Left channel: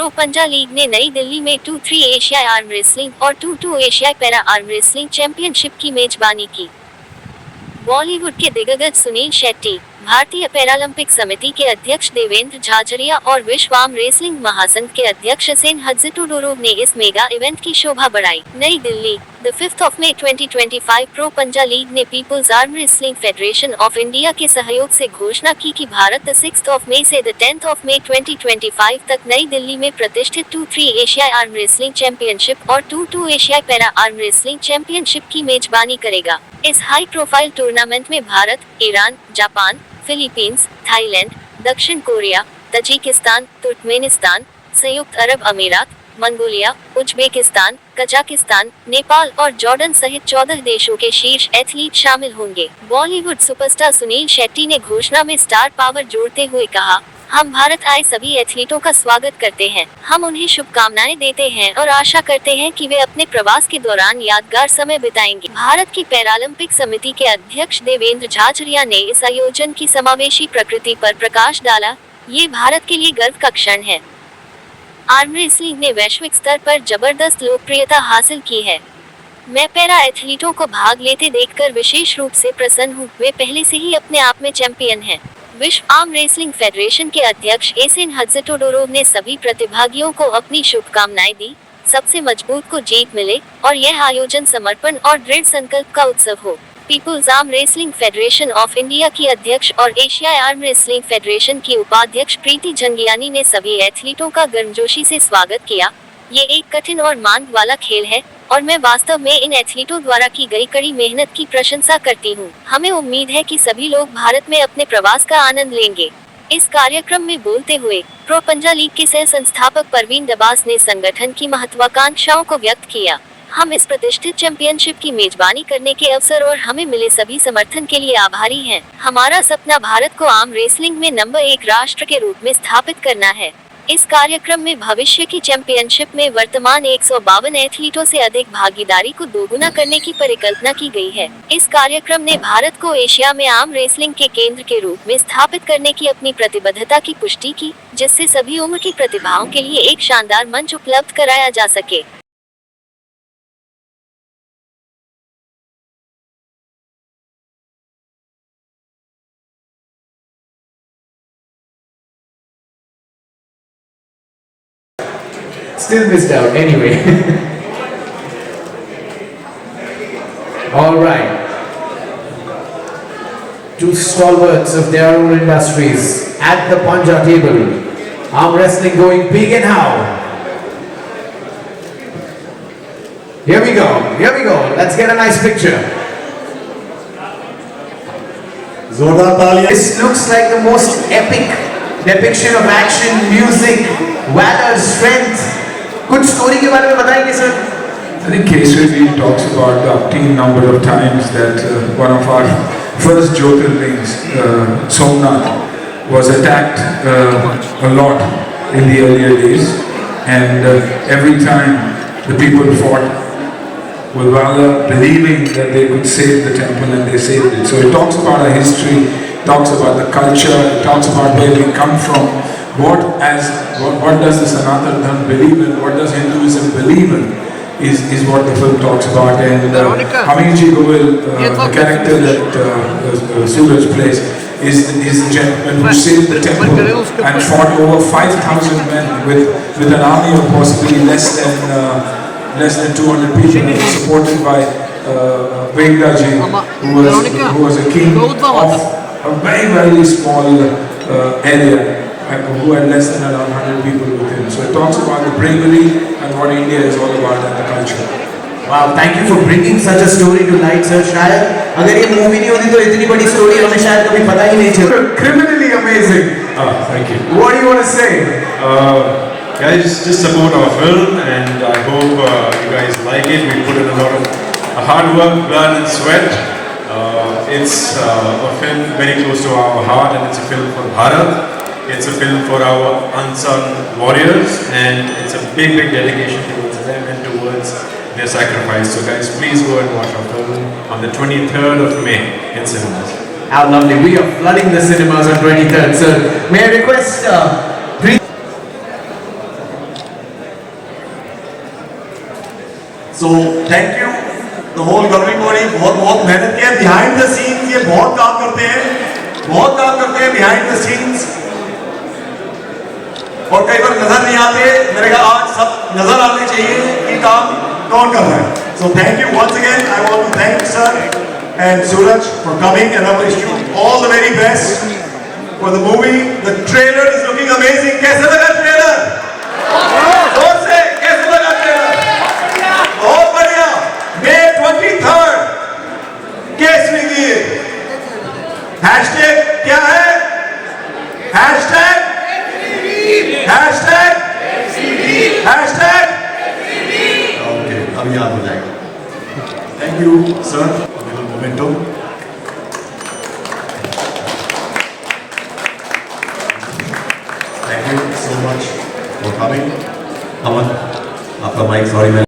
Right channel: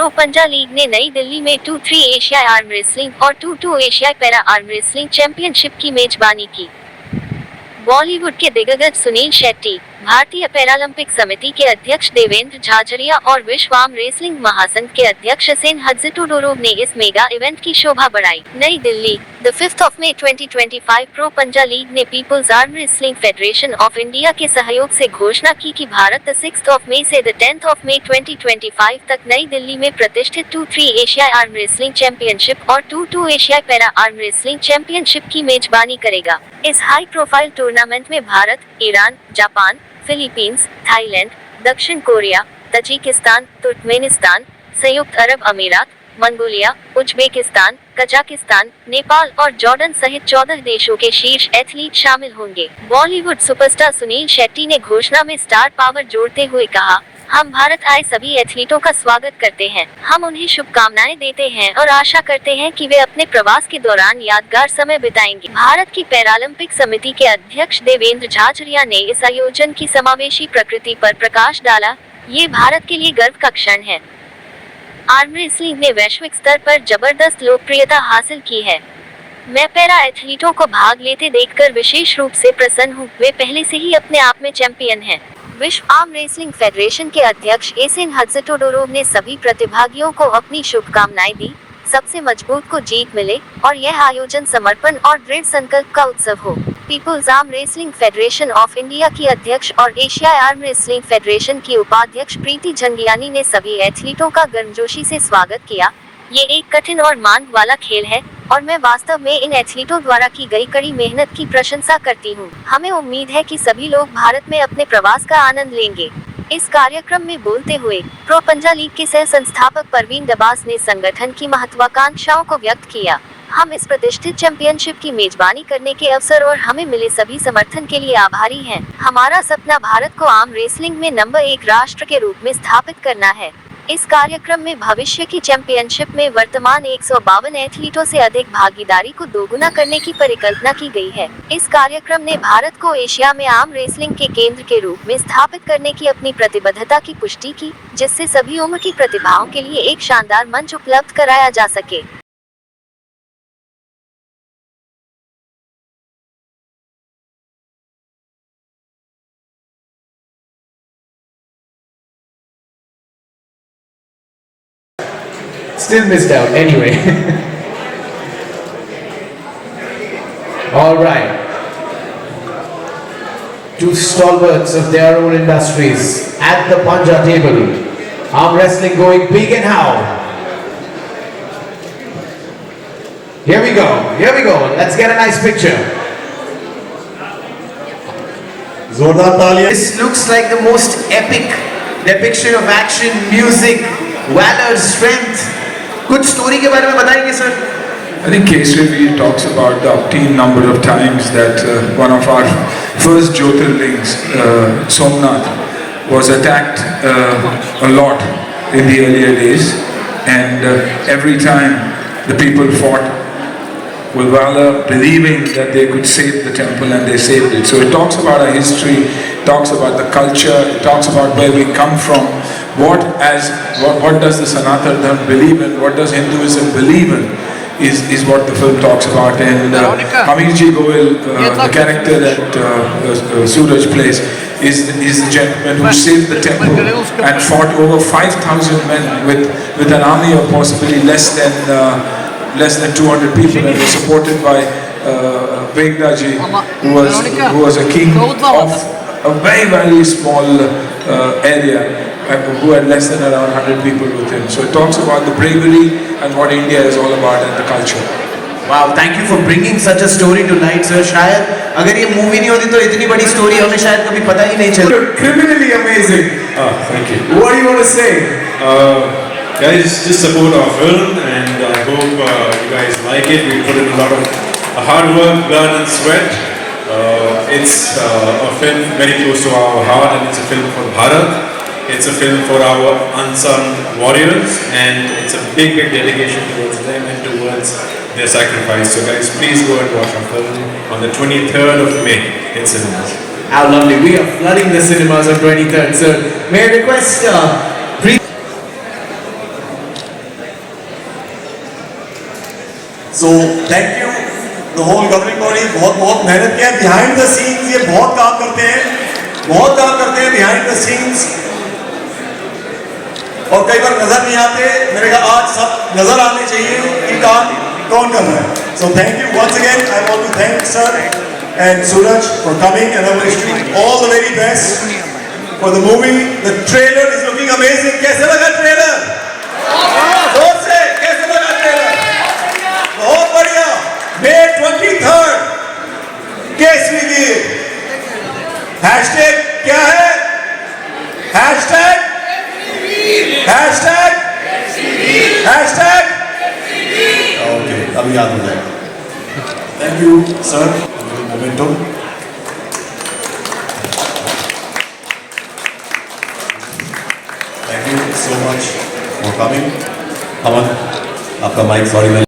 Pro Panja league ने नई दिल्ली में 2-3 एशियाई आर्म रेसलिंग और 2-2 एशियाई पैरा आर्म रेसलिंग चैंपियनशिप की मेजबानी की। बॉलीवुड के दिग्गज सुनील शेट्टी, भारतीय पैरालंपिक समिति के अध्यक्ष देवेंद्र झाझड़िया और विश्व आर्म रेसलिंग महासंघ के अध्यक्ष हसेन हज्जितुडोरोव ने इस मेगा इवेंट की शोभा बढ़ाई। नई दिल्ली, 5 मई 2025 प्रो पंजा लीग ने people's arm wrestling federation of India के सहयोग से घोषणा की कि भारत 6 मई से 10 मई 2025 तक नई दिल्ली में प्रतिष्ठित 2-3 एशियाई आर्म रेसलिंग चैंपियनशिप और 2-2 एशियाई पैरा आर्म रेसलिंग चैंपियनशिप की मेजबानी करेगा। इस हाई प्रोफाइल टूर्नामेंट में Bharat, Iran, Japan, Philippines, Thailand, दक्षिण कोरिया, तजिकिस्तान, तुर्कमेनिस्तान, संयुक्त अरब अमीरात, मंगोलिया, उज्बेकिस्तान, कजाकिस्तान, नेपाल और जॉर्डन सहित 14 देशों के शीर्ष एथलीट शामिल होंगे। बॉलीवुड सुपरस्टार सुनील शेट्टी ने घोषणा में स्टार पावर जोड़ते हुए कहा, हम भारत आए सभी एथलीटों का स्वागत करते हैं। हम उन्हें शुभकामनाएं देते हैं और आशा करते हैं कि वे अपने प्रवास के दौरान यादगार समय बिताएंगे। भारत की पैरालंपिक समिति के अध्यक्ष देवेंद्र झाझड़िया ने इस आयोजन की समावेशी प्रकृति पर प्रकाश डाला। ये भारत के लिए गर्व का क्षण है। आर्म रेसलिंग ने वैश्विक स्तर पर जबरदस्त लोकप्रियता हासिल की है। मैं पैरा एथलीटों को भाग लेते देखकर विशेष रूप से प्रसन्न हूँ। वे पहले से ही अपने आप में चैंपियन हैं। विश्व आर्म रेसलिंग फेडरेशन के अध्यक्ष हसेन हज्जितुडोरोव ने सभी प्रतिभागियों को अपनी शुभकामनाएं दी। सबसे मजबूत को जीत मिले और यह आयोजन समर्पण और दृढ़ संकल्प का उत्सव हो। Peoples arm wrestling federation of India की अध्यक्ष और एशियाई आर्म रेसलिंग फेडरेशन की उपाध्यक्ष प्रीति झंगियानी ने सभी एथलीटों का गर्मजोशी से स्वागत किया। ये एक कठिन और मांग वाला खेल है और मैं वास्तव में इन एथलीटों द्वारा की गई कड़ी मेहनत की प्रशंसा करती हूँ। हमें उम्मीद है कि सभी लोग भारत में अपने प्रवास का आनंद लेंगे। इस कार्यक्रम में बोलते हुए प्रो पंजा लीग के सह संस्थापक परवीन दबास ने संगठन की महत्वाकांक्षाओं को व्यक्त किया। हम इस प्रतिष्ठित चैंपियनशिप की मेजबानी करने के अवसर और हमें मिले सभी समर्थन के लिए आभारी हैं। हमारा सपना भारत को आर्म रेसलिंग में नंबर 1 राष्ट्र के रूप में स्थापित करना है। इस कार्यक्रम में भविष्य की चैंपियनशिप में वर्तमान 152 एथलीटों से अधिक भागीदारी को दोगुना करने की परिकल्पना की गई है। इस कार्यक्रम ने भारत को एशिया में आर्म रेसलिंग के केंद्र के रूप में स्थापित करने की अपनी प्रतिबद्धता की पुष्टि की, जिससे सभी उम्र की प्रतिभाओं के लिए एक शानदार मंच उपलब्ध कराया जा सके। Still missed out anyway. All right. Two stalwarts of their own industries at the Panja table. Arm wrestling going big and how? Here we go. Here we go. Let's get a nice picture. जोरदार तालियां। This looks like the most epic depiction of action, music, valor, strength. कुछ story के बारे में बताएंगे sir? I think Kesari talks about the obscene number of times that one of our first Jyotirlings, Somnath, was attacked a lot in the earlier days, and every time the people fought with valor, believing that they could save the temple, and they saved it. So it talks about our history, talks about the culture, it talks about where we come from. What does the Sanatana Dharma believe in? What does Hinduism believe in? Is what the film talks about. And Amirji Goel, the character that Suraj plays, is the gentleman who saved the temple and fought over 5,000 men with an army of possibly less than 200 people, and was supported by Vengdaji, who was a king of a very, very small area, who had less than around 100 people with him. So it talks about the bravery and what India is all about and the culture. Wow, thank you for bringing such a story to light, sir. शायद अगर ये movie नहीं होती तो इतनी बड़ी story हमें शायद कभी पता ही नहीं चलता. Criminally amazing. Thank you. What do you want to say? Guys, just support our film, and I hope you guys like it. We put in a lot of hard work, blood and sweat. It's a film very close to our heart, and it's a film for Bharat. It's a film for our unsung warriors, and it's a big dedication towards them and towards their sacrifice. So guys, please go and watch our film on the 23rd of May in cinemas. How lovely. We are flooding the cinemas on 23rd. So may I request So thank you the whole governing body. बहुत मेहनत किया behind the scenes, ये बहुत काम करते हैं behind the scenes, और कई बार नजर नहीं आते. मेरे ख्याल आज सब नजर आने चाहिए कि काम कौन कर रहा है. So thank you once again. I want to thank sir and Suraj for coming and I wish you all the very best for the movie. The trailer is looking amazing. कैसा लगा trailer? जोर से कैसा लगा trailer? बहुत बढ़िया. May 23rd Kesari league. Hashtag क्या है? हैशटैग ओके, अभी याद हो जाएगा. Thank you sir. Memento. Thank you so much for coming. Aman, आपका माइक. सॉरी.